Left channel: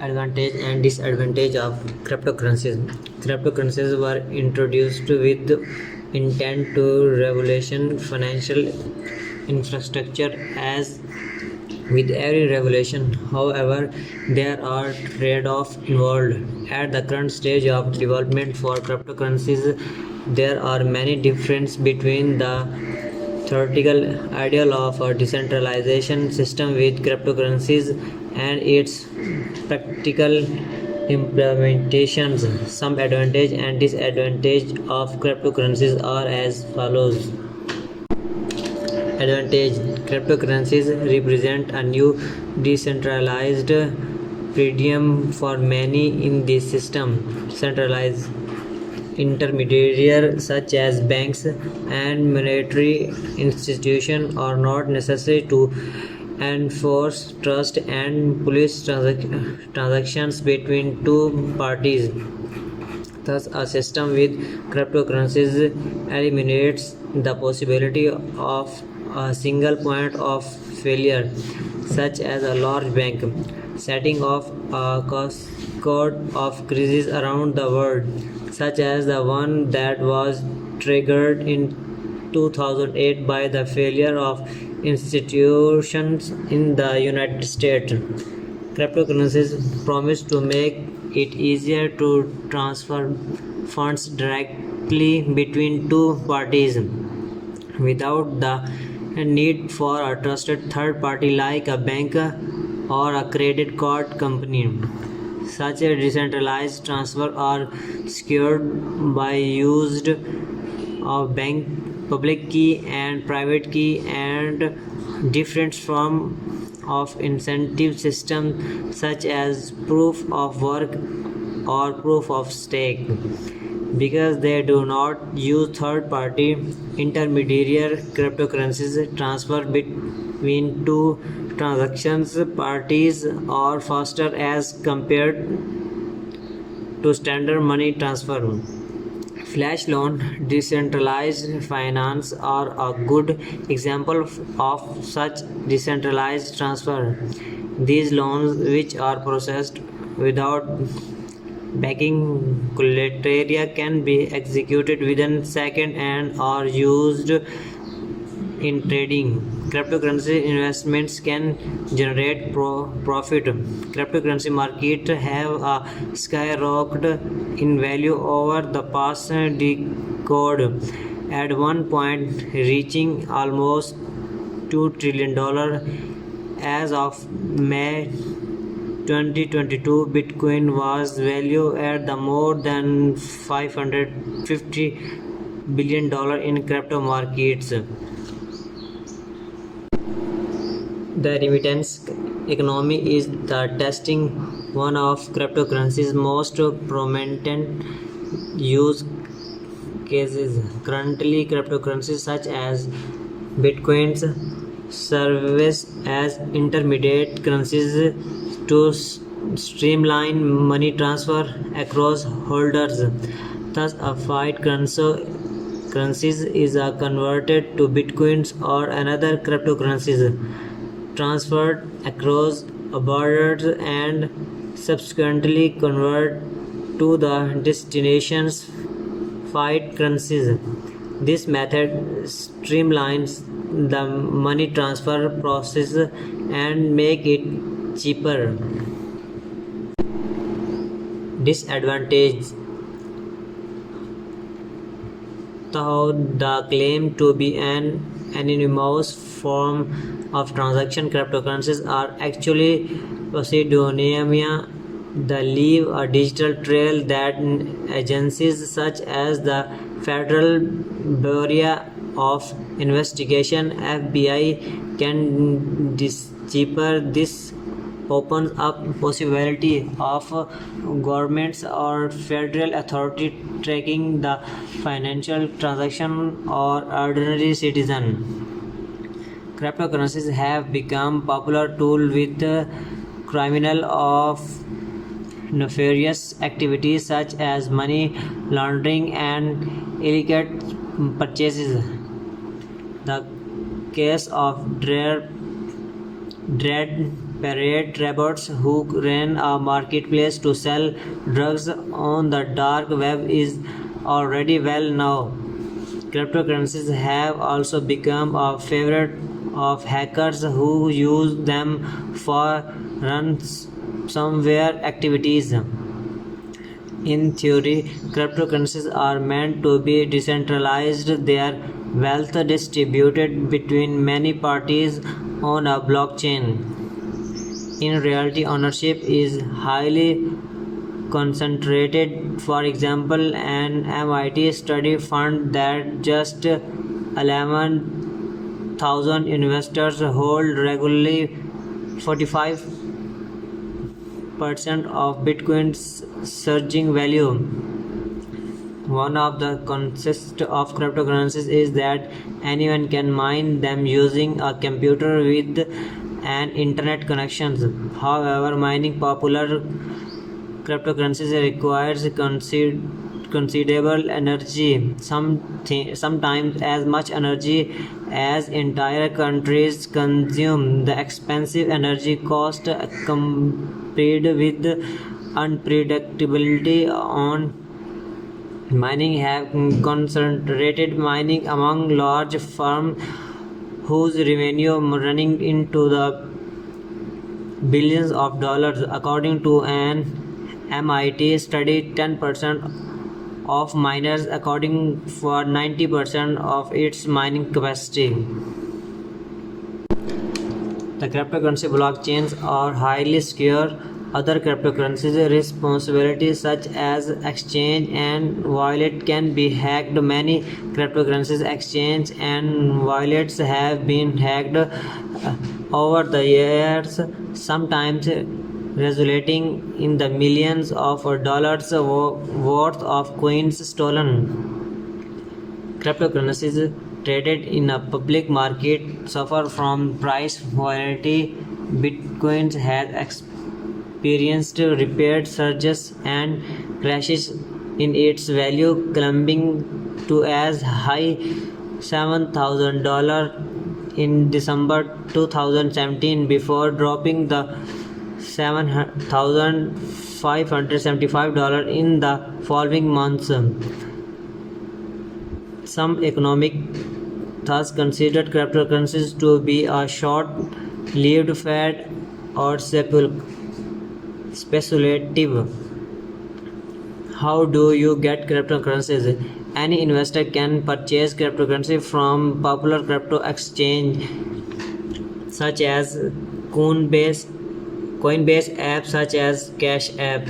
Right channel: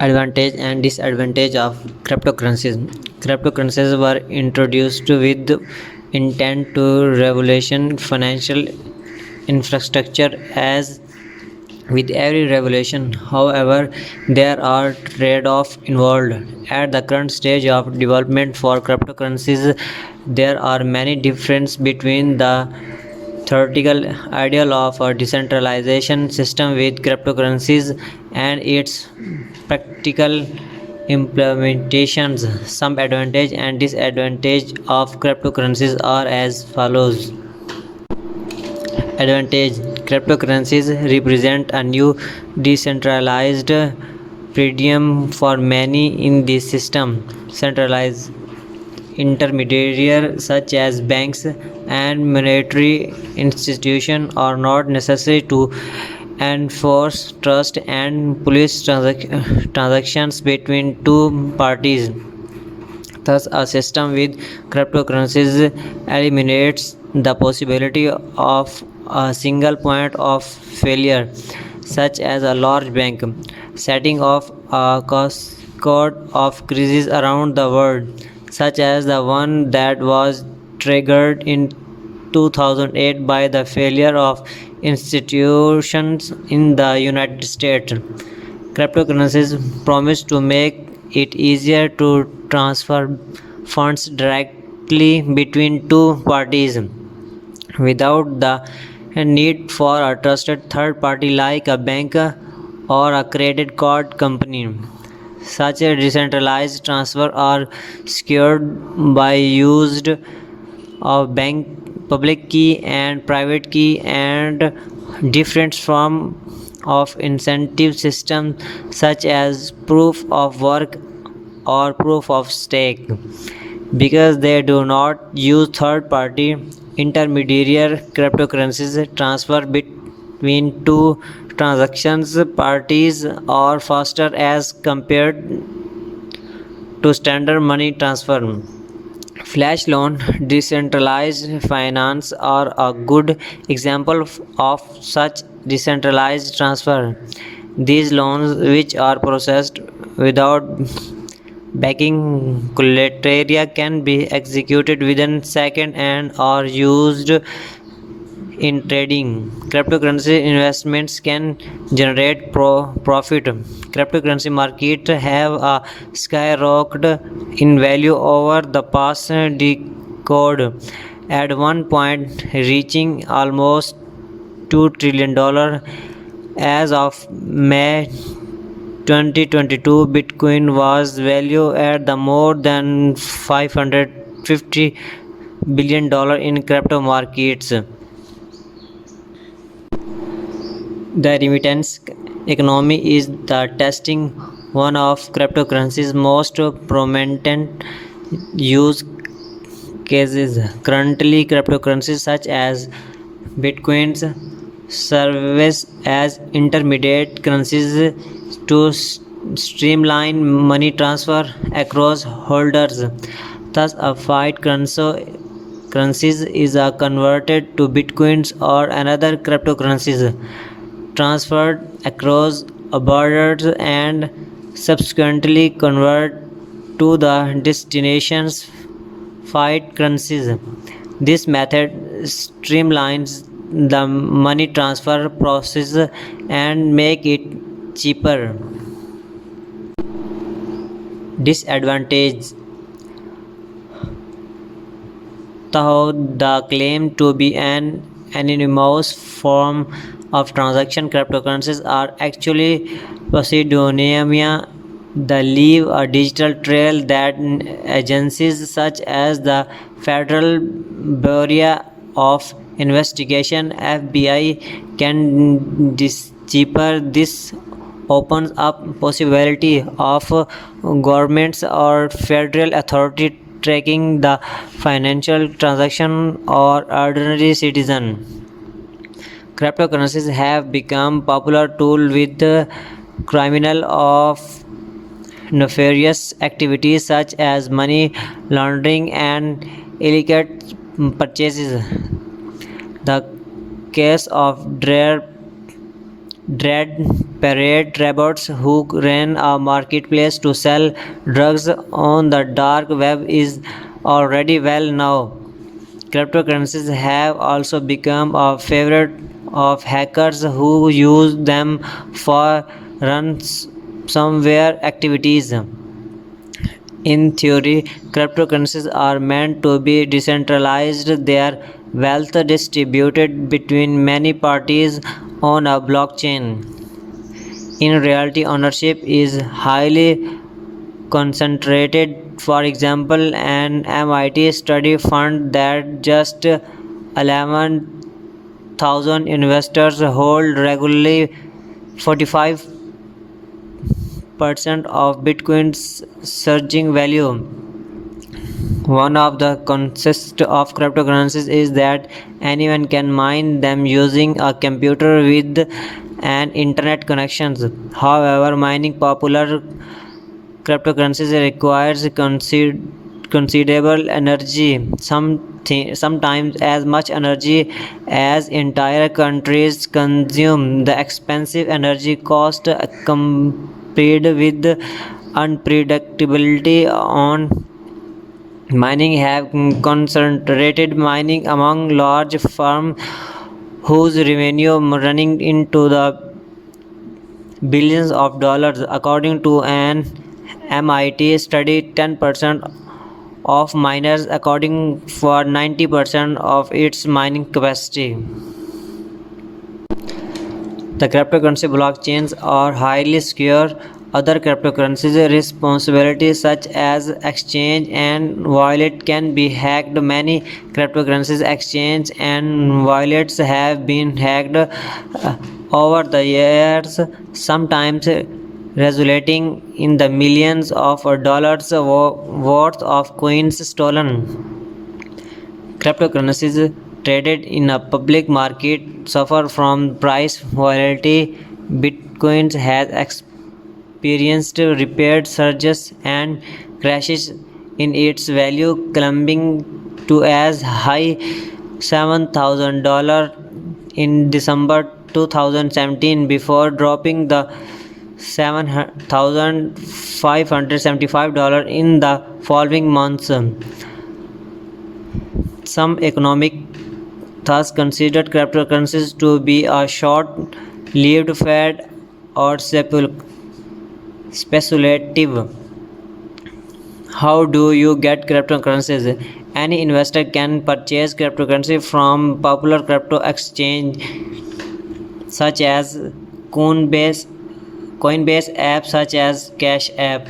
Advantage and disadvantage of cryptocurrencies. Cryptocurrencies were introduced with intent to revolution financial infrastructure. As with every revolution, however, there are trade-offs involved. At the current stage of development for cryptocurrencies, there are many differences between the theoretical ideal of a decentralization system with cryptocurrencies and its practical implementations. Some advantage and disadvantage of cryptocurrencies are as follows. Advantage: cryptocurrencies represent a new decentralized paradigm for many in this system. Centralized intermediaries such as banks and monetary institutions are not necessary to enforce trust and police transactions between two parties. Thus, a system with cryptocurrencies eliminates the possibility of a single point of failure, such as a large bank setting off a cascade of crises around the world, such as the one that was triggered in 2008 by the failure of institutions in the United States. Cryptocurrencies promise to make it easier to transfer funds directly between two parties without the need for a trusted third party like a bank or a credit card company. Such a decentralized transfer are secured by used of bank public key and private key and different from of incentive system such as proof of work or proof of stake. Because they do not use third party intermediary, cryptocurrencies transfer between two transactions parties are faster as compared to standard money transfer. Flash loan, decentralized finance are a good example of such decentralized transfer. These loans, which are processed without backing collateral, can be executed within seconds and are used in trading. Cryptocurrency investments can generate profit. Cryptocurrency markets have skyrocketed in value over the past decade, at one point reaching almost $2 trillion. As of May 2022, Bitcoin was valued at the more than $550 billion in crypto markets. The remittance economy is the testing one of cryptocurrency's most prominent use cases. Currently, cryptocurrencies such as Bitcoins serve as intermediate currencies to streamline money transfer across holders. Thus, a fiat currencies is converted to bitcoins or another cryptocurrencies transferred across borders and subsequently converted to the destination's fiat currencies. This method streamlines the money transfer process and make it cheaper. Disadvantage: though the claim to be an anonymous form of transaction, cryptocurrencies are actually pseudonyms that leave a digital trail that agencies such as the Federal Bureau of Investigation (FBI) can decipher. This opens up possibility of governments or federal authority tracking the financial transaction or ordinary citizen. Cryptocurrencies have become popular tool with criminal of nefarious activities such as money laundering and illegal purchases. The case of Dread parade robots who ran a marketplace to sell drugs on the dark web is already well known. Cryptocurrencies have also become a favorite of hackers who use them for ransomware activities. In theory, cryptocurrencies are meant to be decentralized, their wealth distributed between many parties on a blockchain. In reality, ownership is highly concentrated. For example, an MIT study found that just 11,000 investors hold regularly 45% of Bitcoin's surging value. One of the concepts of cryptocurrencies is that anyone can mine them using a computer with an internet connection. However, mining popular cryptocurrencies requires considerable energy, sometimes as much energy as entire countries consume. The expensive energy cost compared with unpredictability on mining have concentrated mining among large firms whose revenue running into the billions of dollars. According to an MIT study, 10% of miners accounting for 90% of its mining capacity. The cryptocurrency blockchains are highly secure. Other cryptocurrencies responsibilities such as exchange and wallet can be hacked. Many cryptocurrencies exchange and wallets have been hacked over the years, sometimes resulting in the millions of dollars worth of coins stolen. Cryptocurrencies traded in a public market suffer from price volatility. Bitcoin has experienced repeated surges and crashes in its value, climbing to as high $7,000 in December 2017 before dropping the $7,575 in the following months. Some economic thus considered cryptocurrencies to be a short-lived fad or speculative. How do you get cryptocurrencies? Any investor can purchase cryptocurrency from popular crypto exchange such as Coinbase apps such as Cash App.